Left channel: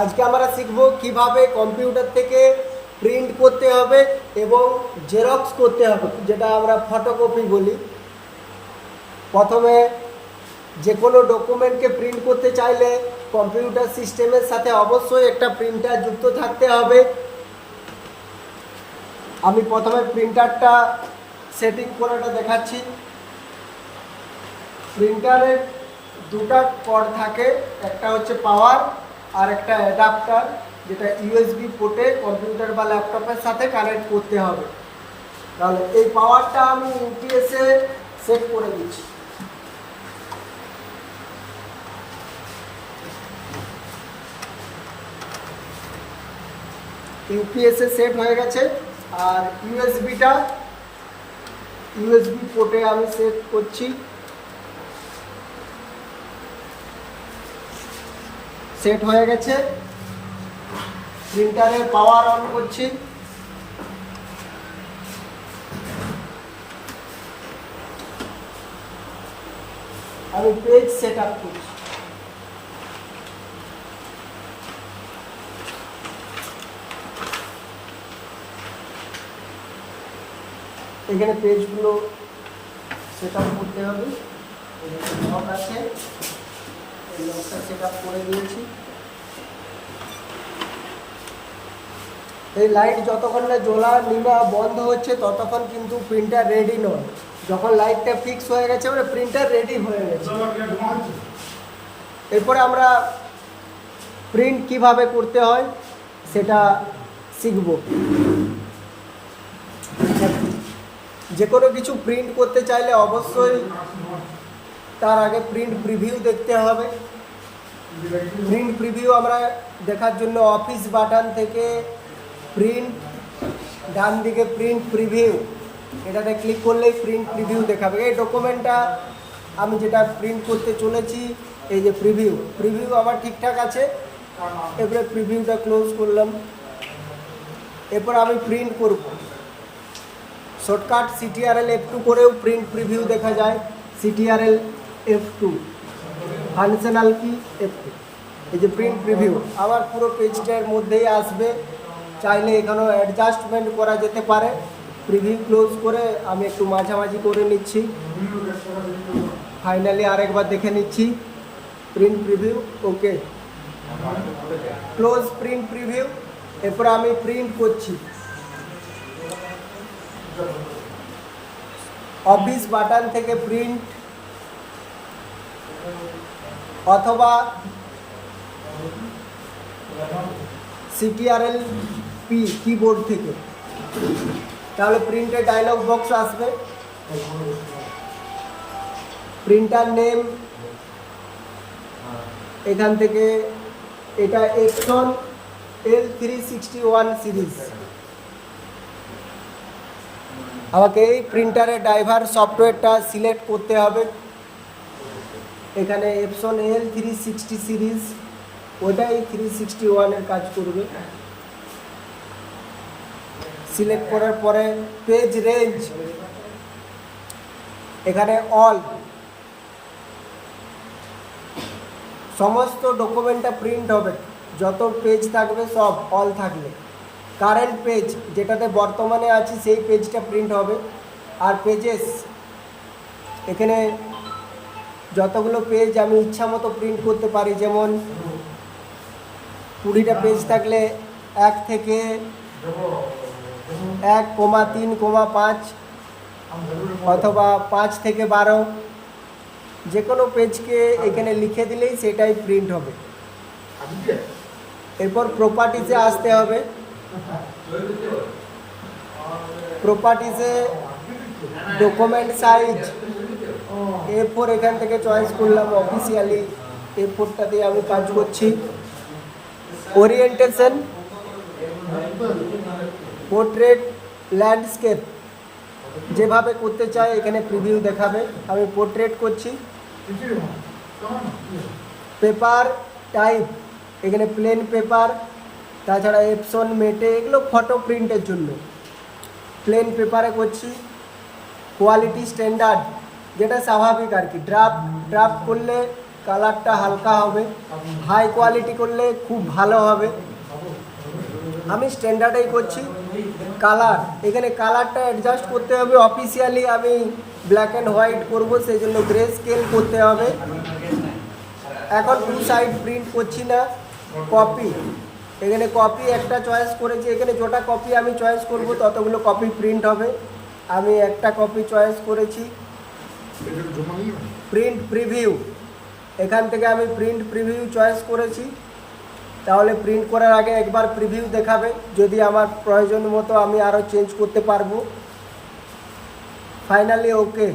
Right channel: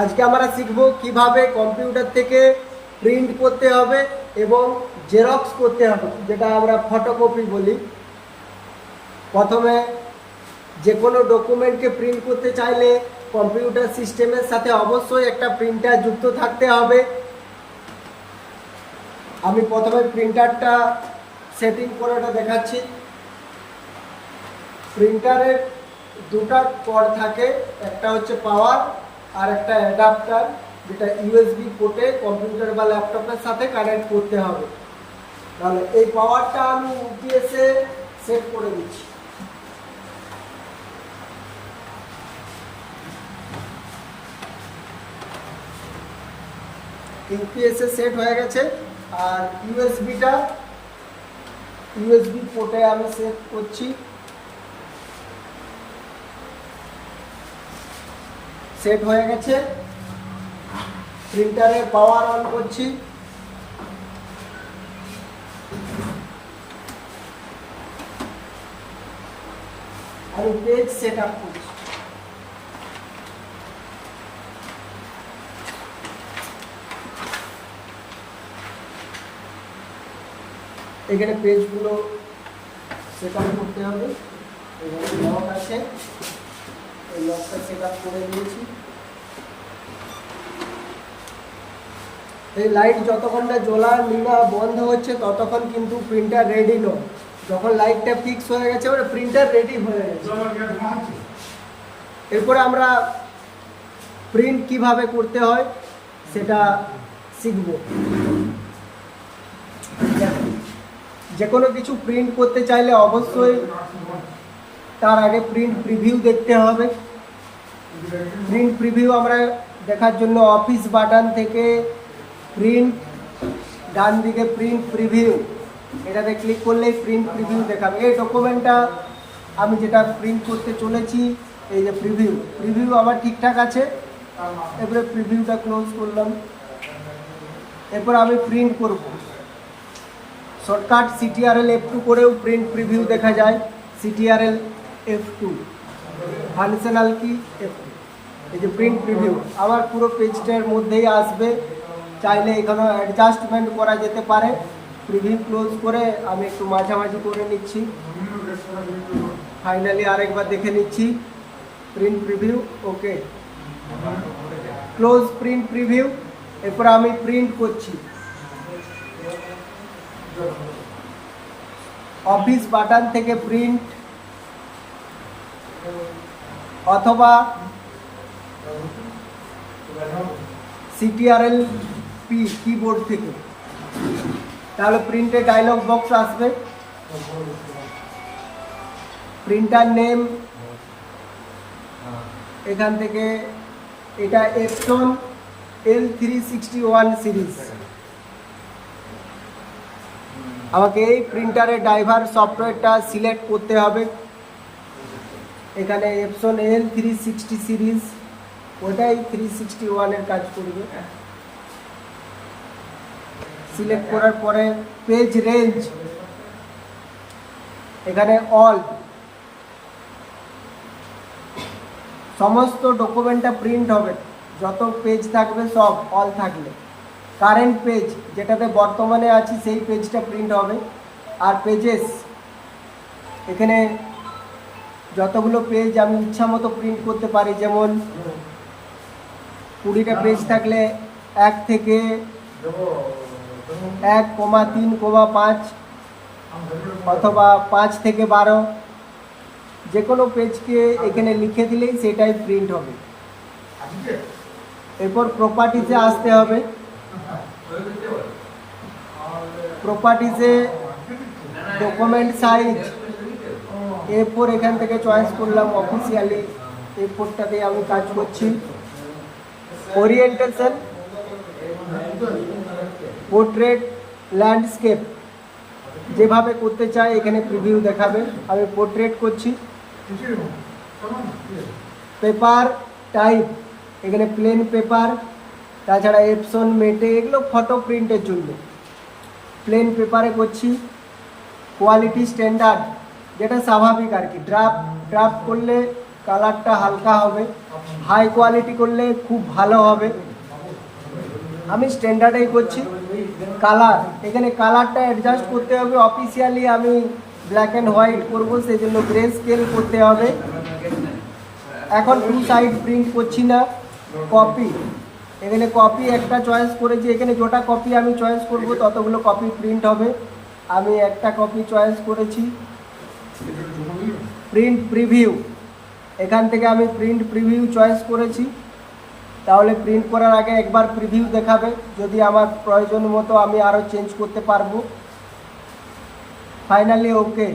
আজকে আমরা শিখব কিভাবে কম্পিউটার থেকে প্রিন্ট করতে হবে এবং জেরক্স করতে হবে, যেটা আমরা ফটোকপি বলি। প্রথমে যে কোনো ডকুমেন্টকে প্রিন্ট করতে চাইলে কম্পিউটার সিস্টেমের সাথে অবশ্যই একটা প্রিন্টার যুক্ত থাকতে হবে। আমি প্রথমে প্রিন্টারটা সেটিং করে এটা দেখাচ্ছি। প্রিন্টারের দুটা কর্ড থাকে, একটা হচ্ছে পাওয়ার আর একটা অ্যাডাপ্টার, যেটা ইউএসবি পোর্টে কম্পিউটার বা ল্যাপটপের সাথে কানেক্ট করতে হবে। তাহলে এই পাওয়ারটা আমি ইউপিএসে সেট করে দিচ্ছি। ইউপিএসে সেট হয়ে গেছে। আর ইউএসবি পোর্টে আমি সেট করছি। সেট হয়ে গেছে। প্রিন্টারে পাওয়ার অন করছি। আমি পেজ সেট আপ করছি। এখানে পেজগুলো সেট আপ করতে হবে। এখানে লক আছে, এই লকটা সেট আপ করে দিয়েছি। এই লাইট যতক্ষণ না জ্বলা নিবা বন্ধ হচ্ছে ততক্ষণ কিন্তু প্রিন্টার রেডি নয়। যখন লাইটটা ফিক্স হয়ে গেছে মানে প্রিন্টার রেডি হয়ে গেছে। এরপরে আমরা প্রিন্ট কিভাবে করতে হয় সেটা শিখব। যে কোনো কিছু প্রিন্ট করতে চাইলে অবশ্যই তার আগে প্রিন্ট প্রিভিউ দেখতে হবে। প্রিন্ট প্রিভিউ আমরা দেখার জন্য অফিস বাটন থেকে প্রিন্ট, ডান দিকে প্রিন্ট প্রিভিউ, এটাতে ক্লিক করলেই প্রিন্ট প্রিভিউ দেখাবে। এই ডকুমেন্টটা আমি যেটা প্রিন্ট করতে চলেছি, এই যে প্রিভিউ আমার ঠিকঠাক আছে। এরপরে প্রিভিউটা ক্লোজ করলাম। এরপর আমি প্রিন্ট করব। শর্টকাট CTRL F2 করেও প্রিন্ট প্রিভিউ দেখা যায়। CTRL F2 ফাংশনাল কি F2। এই যে প্রিন্ট প্রিভিউ আমার পুরো পেজটার মধ্যেই আসবে। চাইলে এখানেও অ্যাডজাস্টমেন্ট করা যেতে পারে। প্রিভিউ ক্লোজ করে আমি একটু মাঝামাঝি করে নিচ্ছি। ফাইনালি আরেকবার দেখে নিচ্ছি প্রিন্ট প্রিভিউ। ওকে, ক্লোজ প্রিন্ট প্রিভিউ। এরপর আমি প্রিন্ট করছি। অফিস বাটন থেকে প্রিন্ট অথবা CTRL P কিবোর্ড থেকে, তাহলে প্রিন্টের ডায়লগ বক্স আসবে। প্রিন্টার নেম এখান থেকে, এটা Epson L361 সিরিজ। আমাকে এই প্রিন্টারের ড্রাইভার সফটওয়্যারটা সিলেক্ট করতে হবে। এখানে Epson L360 সিরিজ, ওটাই 361-এর কাজ করবে। সিলেক্ট করার পরে পেজ রেঞ্জ, এখানে অল, সমস্ত ডকুমেন্টটা প্রিন্ট হবে, যত পেজ থাকবে সব অল থাকবে। কারেন্ট পেজ, যেটাতে বর্তমানে আছি সেই পেজটা প্রিন্ট হবে। আর পেজেস, এখানে যতগুলো পেজ আমি ইচ্ছা মতো প্রিন্ট করতে পারি। যেমন 20টা পেজ থাকলে 1 থেকে 1,3,5 অথবা 5 থেকে 12, যে কোনো পেজকে এখানে লিখে দিলেই সেটাই প্রিন্ট হবে। এরপর প্রপার্টিসে আসতে হবে। প্রপার্টিসে ডকুমেন্ট সাইজ A4 এখান থেকে চয়েস করলাম। অফিসিয়ালি A4টাতে আমি কাজ করছি। ওরিয়েন্টেশন, পোর্ট্রেট, ল্যান্ডস্কেপ, যেভাবে করতে চাই এখানে প্রিভিউ দেখাবে। আমি পোর্ট্রেট করছি। পেপার টাইপ, এখানে প্লেন পেপার, তাছাড়া এপসন, মেটে, এগুলো ফটো প্রিন্টের জন্য। প্লেন পেপারে করছি। কোয়ালিটি স্ট্যান্ডার্ড, যেটা স্বাভাবিক আর কি। ড্রাফট করলে কালারটা হালকা হবে, হাই কোয়ালিটি করলে খুব ভালো হবে। আমি স্ট্যান্ডার্ডেই করছি। কালার, এখানে কালারটা অ্যাডজাস্ট করতে হবে। অফিসিয়ালি আমি ব্ল্যাক অ্যান্ড হোয়াইট করবো, সেই জন্য গ্রে স্কেল করতে হবে। এখন টু সাইড প্রিন্ট করছি না, কপি। এখানে কপি একটা চয়েস করেছি, এখানে যটা কপি আমি চয়েস করব ততগুলো কপি প্রিন্ট হবে। আমি একটা কপি চয়েস করেছি। প্রিন্ট প্রিভিউ, এখান থেকে আমি প্রিন্ট প্রিভিউ চয়েস করেছি। তাহলে প্রিন্ট করার আগে একবার প্রিভিউ দেখাবে, যদি আমার প্রয়োজন মতো আমি আরও চেঞ্জ করতে পারবো। ফাইনালি ওকে।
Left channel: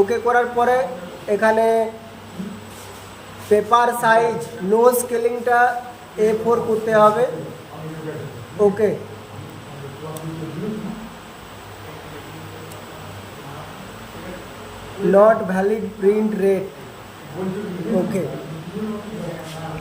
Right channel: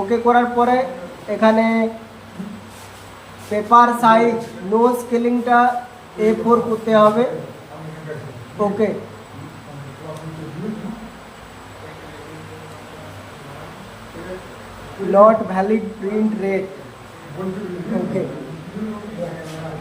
ওকে করার পরে এখানে পেপার সাইজ নো স্কেলিংটা A4 করতে হবে। Okay, not valid print rate. Okay.